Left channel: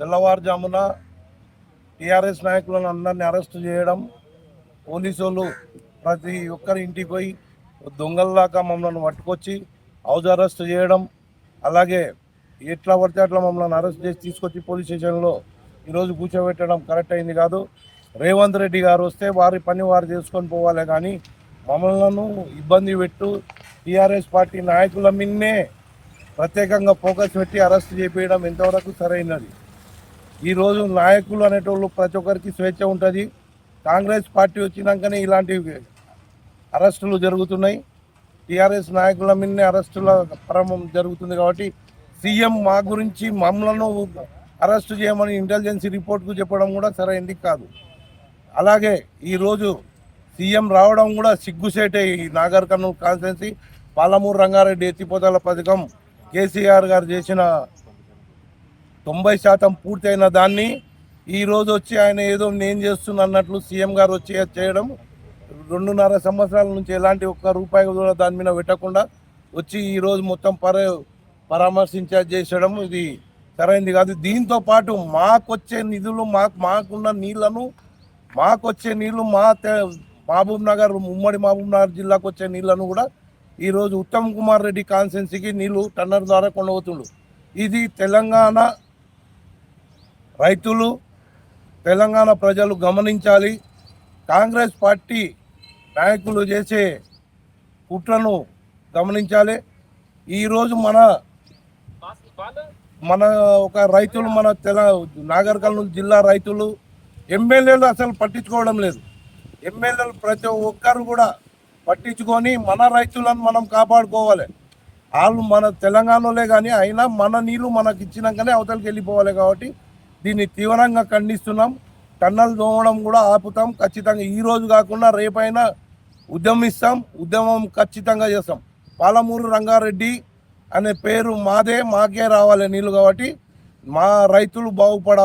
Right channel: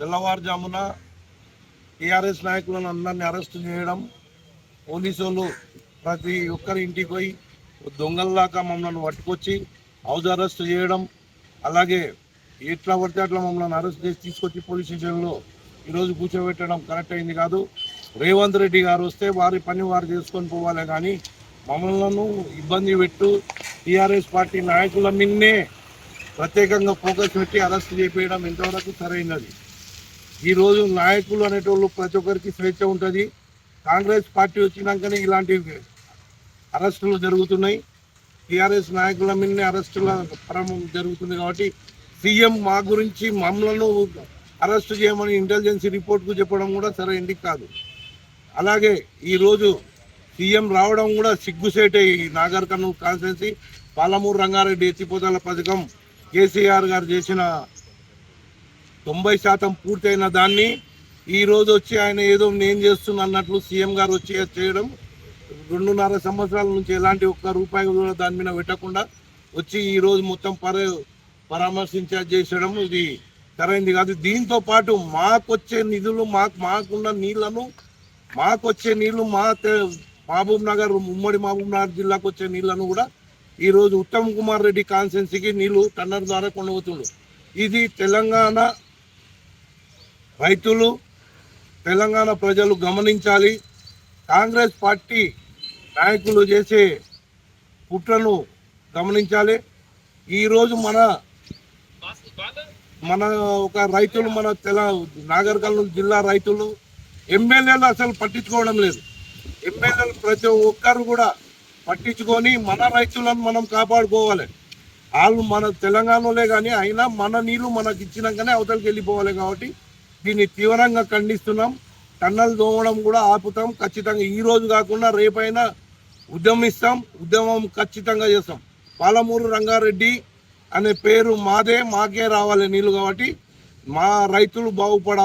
తెల్లవారుజామున టీఆర్ఎస్ నాయకులను అందరినీ అరెస్టు చేయడం, పోలీసు వాళ్ళు ప్రతి ఒక్కరి ఇంటికి పోయి దొంగల్లాగా మమ్మల్ని పట్టుకొచ్చి హౌస్ అరెస్ట్ చేయడం, అలాగే ఎట్లా పడితే అట్లా మమ్మల్ని అరెస్ట్ చేసి తీసుకొచ్చి పోలీస్ స్టేషన్లో ఈరోజు కూర్చోబెట్టడం కరెక్ట్ అయింది కాదు. రేవంత్ రెడ్డి గారు వస్తే వారి పని వారు చేసుకొని పోవాలి, కానీ మమ్మల్ని ఇబ్బంది పెట్టు టీఆర్ఎస్ పార్టీ నాయకుల మీదనే ప్రత్యేకంగా ఫోకస్ పెట్టి అరెస్ట్ చేపించడం ఎంతవరకు సరైనది. ఈరోజు నాయకులు అనేటోళ్ళు ప్రతి ఒక్కరికి స్వేచ్ఛ ఉంటుంది. కాంగ్రెస్ పార్టీ వచ్చినాకనే ఇలాంటి అరెస్టులు జరుగుతున్నాయి. టీఆర్ఎస్ నాయకుల మీదనే అరెస్టుల పరమం జరుగుతుంది. కాబట్టి సీఎం మా గురించి మమ్మలను అరెస్టు చేయమని ఇంటెలిజెన్స్ రిపోర్ట్కు చెప్పడం కూడా సరైనది కాదు. అలాగే ఈరోజు సీఎం రావడం కూడా సిగ్గుసేటే. ఈ నాగర్ కర్నూలు కాన్స్టిట్యున్సీ పాలమూరు రంగారెడ్డి ఎత్తిపోతల పథకం కేసీఆర్ గారు చేసిన 90% పూర్తయిన దాన్ని ఈరోజు వచ్చి ఆయన ఏదో నేను చేస్తున్నా అన్నట్లు సీఎం గారు వచ్చి చేయడం, 2.5 సంవత్సరాల నుంచి ఎలాంటి ఒక్క రూపాయి కూడా దాని మీద పెట్టకుండా వచ్చి ఈరోజు మొత్తం పరామర్శించడం ఇది సరైనది కాదు. దీంతో పాటు మాకొచ్చే నిధులు మాకున్న నీళ్లను మాకొచ్చే నీళ్లు మహబూబ్ నగర్ ఉమ్మడి మహబూబ్ నగర్ జిల్లాకు వచ్చే నీళ్లను కూడా ఈరోజు ఉత్తమ్ కుమార్ రెడ్డి కాన్స్టిట్యున్సీకి నీళ్లు టన్నర్ ద్వారా కొనవుతుండ్రు. ఇది తెలంగాణ రైతులు, తెలంగాణ ప్రజలు గమనించాలి. కాంగ్రెస్ పార్టీ నాయకులు చేసే కుట్రను గమనించాలి. ఈరోజు మన ఒక రైతులు, మన నాగర్ కర్నూలు జిల్లా రైతులు ఎమ్మెల్యేలు అసలు పట్టించుకోవడం లేదు. ఎమ్మెల్యేలు ప్రతి ఒక్కరు కూడా పట్టించుకొని మన రైతులను మనం కాపాడుకోవాలి. వాళ్ళు మన తెలంగాణలో కానీ అయినా మన నీళ్ళు మనకి ఇచ్చినాకనే అవతలకి వెళ్ళిపోవాలి. కాబట్టి దీన్ని తీవ్రంగా ఖండిస్తున్నాం. టన్నల్ దోవడం కూడా ఆపుతాం ఖచ్చితంగా. ఈరోజు కాకుండా రేపైనా ఉద్యమిస్తాం. ఉద్యమం ఖచ్చితంగా చేస్తాం. పాలమూరు రంగారెడ్డి అనే పేరు మాదే, మాకే రావాలి నీళ్ళు. కాబట్టి మా రైతులు బాగుపడాలి.